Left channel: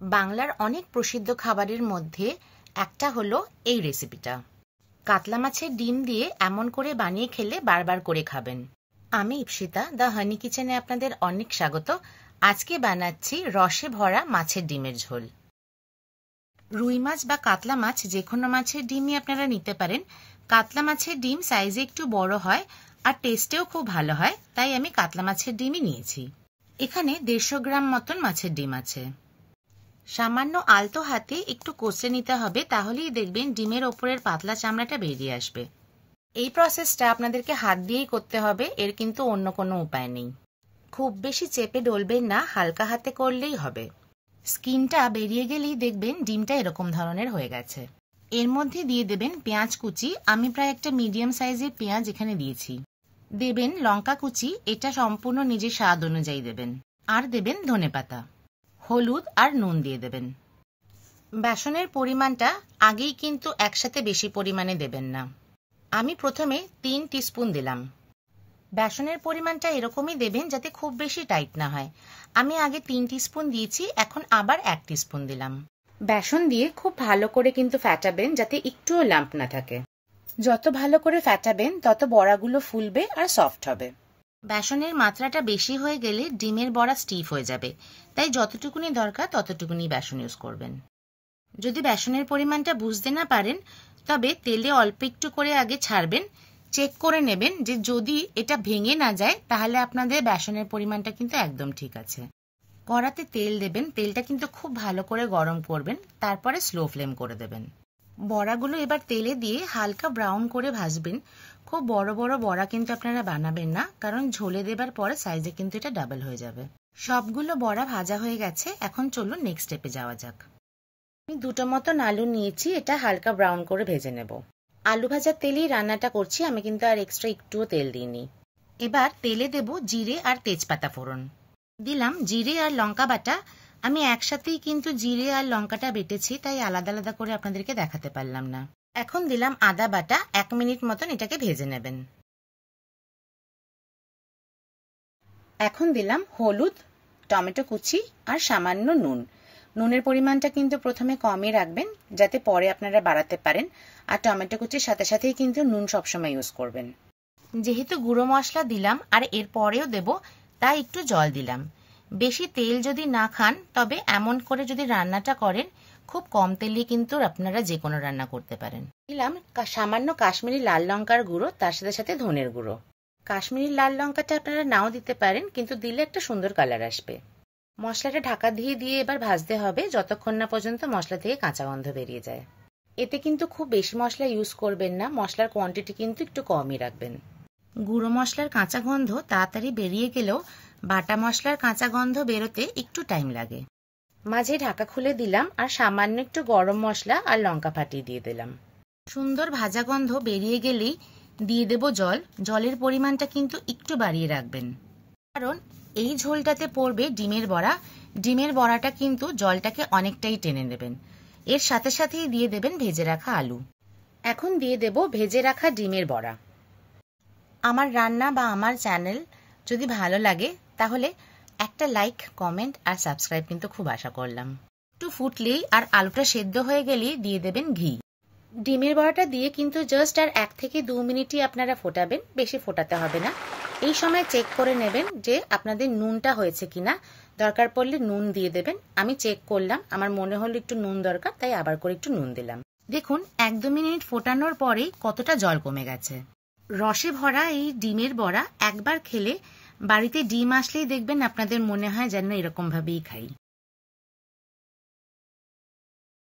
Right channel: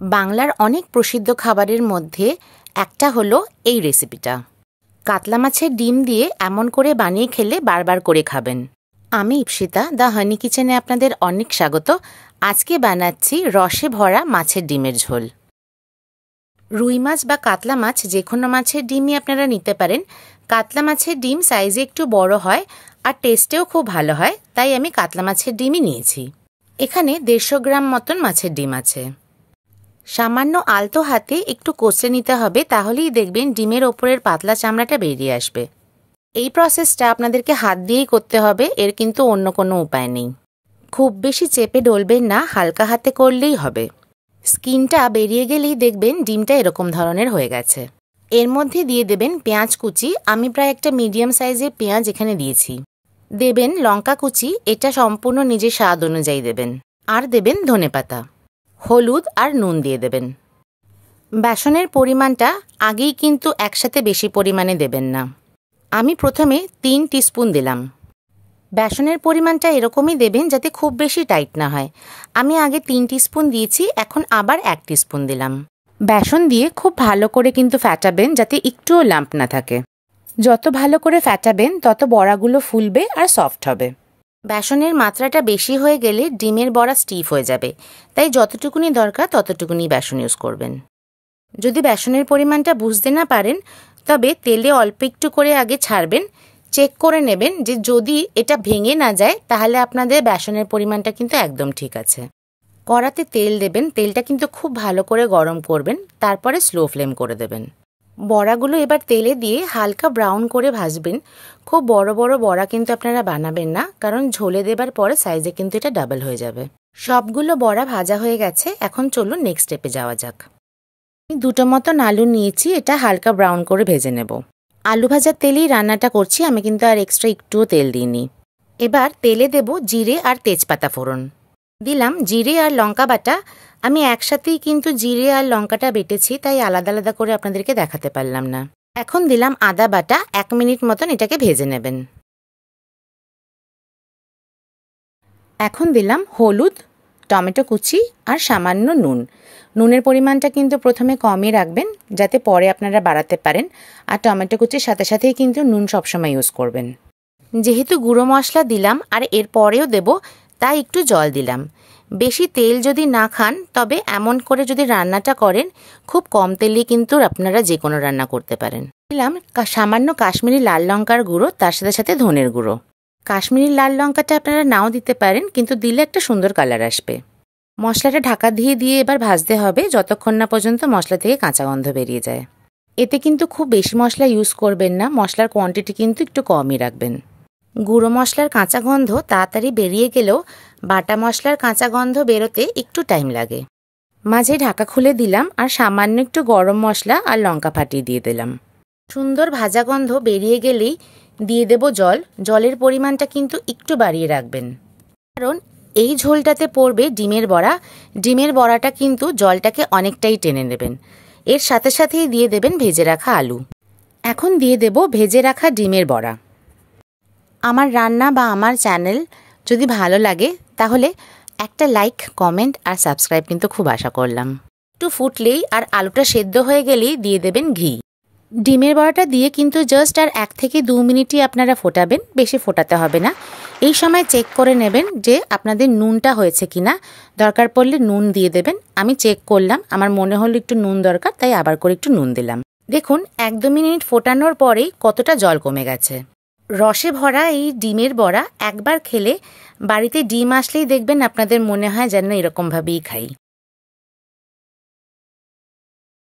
বাংলার অনেক প্রসিদ্ধ খাবারের মধ্যে একটা হলো এই রেসিপিটা। কাতলা মাছের ডিম দিয়ে এমন করে বানিয়ে খেলে বারবার করে খাবেন। আমি ইপসিতা, দ্য হানি কিচেনে আপনাদের অনেক স্বাগত। আজকে বানাচ্ছি রসে ভরা মাছের ডিমের ঝোল। রুই মাছ বা কাতলা মাছ যে কোনো মাছের ডিমই আপনারা নিতে পারেন। কাতলা মাছের ডিম সাইজে একটু বড় হয় আর টেস্টেও খুব ভালো হয়, তাই আমি কাতলা মাছের ডিমই নিয়েছি। এখানে 150 গ্রাম মতন মাছের ডিম আছে। সামান্য আলতো হাতে একটু কষে নিতে হবে, তাহলেই দেখবেন ডিমের ওপরের পাতলা চামড়াটা বেরিয়ে আসবে। এই প্রসেসটা আপনাদেরকে হাত দিয়েই করতে হবে, এর কিন্তু অন্য কোনো উপায় নেই। খুব বেশি চেপে ডলবেন না, হালকা হাতে করলেই হবে। স্কিনটা বেরিয়ে গেলেই দেখবেন ডিমটা এরকম ধরনের হয়ে গেছে। এর মধ্যে দিয়ে দেবেন পেঁয়াজ কুচি। আমি প্রায় একটা মিডিয়াম সাইজের পেঁয়াজ এখানে দিয়েছি। দেবেন লঙ্কা কুচি, এটা সম্পূর্ণ নিজের স্বাদ অনুযায়ী দেবেন। আর দেবেন ধনেপাতা, হলুদ আর নুন দিয়ে দেবেন। বেসনের পরিমাণটা আগেই কিন্তু একসাথে বেশি পরিমাণে দেবেন না। আমি প্রথমে 3 টিস্পুন দিলাম। বেসনের পরিমাণটা এরকমই দেবেন যাতে খুব বেশি টাইট না হয়। আমি আগে 3 টিস্পুন দিয়েছি, এখন আবার 1 টিস্পুন দিলাম। বেসন দিয়ে খুব ভালো করে কিন্তু ফ্যাটাবেন যাতে একটুও লাম্প না থাকে। যত ভালো করে ফ্যাটাবেন তত বড়াগুলো ফুলবে আর সফট হবে। বেসনের মাত্রাটা বেশি হয়ে গেলে ডিমের বড়া স্টিফ হয়ে যাবে, তাই যতটুকুনি দরকার ততটুকুনি বেসন ইউজ করবেন। যদি বেসনের পরিমাণটা বুঝতে না পারেন তবে তেলে অল্প একটু করে আগে ছাড়বেন, চেক করে নেবেন যে যদি এটা ভেঙে না যায় তাহলে আপনাদের বেসনের পরিমাণটা কিন্তু একদম ঠিক আছে। কড়াতে তেল দেবেন, তেলটা কিন্তু খুব ভালো করে গরম করবেন, তারপরে স্লো ফ্লেম করে দেবেন। বড়াগুলো এবার তেলে দিয়ে হালকা ব্রাউন করে ভাজবেন। খুব বড় বড় বড়া কিন্তু আপনারা বানাবেন না, কারণ ঝোলে দেবার পরে সাইজে কিন্তু এটা ডাবল হয়ে যাবে। সবগুলো বড়া ভাজা হয়ে গেছে, এখন চলুন নেক্সট স্টেপে যাওয়া যাক। আমি 2টো মতন আলু নিয়েছি, এটা হালকা ব্রাউন করে ভেজে নেব। আলু ভাজার তেলেই রান্নাটা করছি, আমি কিন্তু আর এক্সট্রা একটুও তেল দিইনি। এবার তেলে দেব জিরে আর তেজপাতা ফোড়ন। দিলাম জিরে আর লঙ্কা বাটা। আমি একসাথেই কিন্তু জিরে আর লঙ্কাটা বেটেছি, তাই আলাদা আলাদা করে আপনাদেরকে দেখাতে পারলাম না। এখন দিলাম আদা বাটা। 1 মিনিট মতন এটাকে ভেজে নেবেন। এখন দিলাম হলুদ, টমেটো কুচি আর সামান্য নুন। নুনের পরিমাণটা কিন্তু প্রথমে কমই রাখবেন যাতে পরে আপনারা বাড়াতে পারেন। আর টমেটো কুচির সাথে সাথেই কিন্তু নুন সবসময় ইউজ করবেন। যেহেতু গুঁড়ো মশলা দিলাম আর এর পরেও দেব, তাই একটু জল দিলাম। বেশি তেল যদি না খান তবে এমন করে যদি রান্নাটা করেন, খুব কম তেলে কিন্তু আপনারা যে কোনো রান্না করতে পারেন। দিলাম সামান্য কাশ্মীরি লাল লঙ্কার গুঁড়ো, তার সাথে সাথে ধনের গুঁড়ো। কাশ্মীরি লাল লঙ্কাটা আপনারা নাও দিতে পারেন, কিন্তু দিলে একটা সুন্দর কালার আসবে। মশলাটা ঢাকা দিয়ে দিয়ে এবার ভাজতে হবে যতক্ষণ না পর্যন্ত মশলা থেকে কাঁচা গন্ধ বেরিয়ে যায়। এতে কিন্তু খুব বেশি মশলা ইউজ করবেন না, মশলার কোয়ান্টিটি কিন্তু একটু কমই রাখবেন। গুঁড়ো মশলার কাঁচা গন্ধ তাড়াতাড়ি বেরিয়ে গেলেও বাটা মশলার কাঁচা গন্ধ বেরোতে একটু টাইম লাগে। মাঝে ঢাকা খুলে দিলাম আর সামান্য একটু গরম মশলা আর লঙ্কা ফাটিয়ে দিয়ে দিলাম। সুন্দর ভাজা গন্ধ বেরিয়ে গেলেই দিয়ে দেব জল। জলের পরিমাণটা কিন্তু একটু বাড়িয়ে রাখবেন, কারণ এই ঝোলটাতে পড়বে ডিমের বড়া। ডিমের বড়াটা কিন্তু জলটাকে অনেকটাই টেনে নেবেন। এর সাথে সাথেই দিয়ে দেবেন ভেজে রাখা আলু। এখন দিয়ে দেব ভেজে রাখা ডিমের বড়া। আমার রান্না বা আমার চ্যানেল যদি ভালো লাগে তাহলে একটা লাইক, কমেন্ট আর সাবস্ক্রাইব কিন্তু খুব আশা করলাম। একটু ফুটলেই আর আলুটা সেদ্ধ হয়ে গেলেই দিয়ে দেবেন ঘি। ডিমের বড়াটা দিয়ে কিন্তু জাস্ট আর 1 থেকে 2 মিনিটই আপনারা ফোটাবেন, বেশি ফোটাতে হবে না। এই সময় চেক করে নেবেন যে আপনাদের নুনটা হয়েছে কিনা, দরকার পড়লে নুন দিয়ে দেবেন। আমি চেক করলাম, আমার মনে হলো একটু নুন দরকার, তাই আবার করে একটু নুন দিলাম। দেখুন 1-2 মিনিট ফোটানোর পরেই কতটা জল কমে গেছে। রসে ভরা এই ডিমের বড়া একবার খেলে বাড়িতে ডিম আসলেই দেখবেন আপনাদের মনে হয় যেন এরকমভাবেই খাই।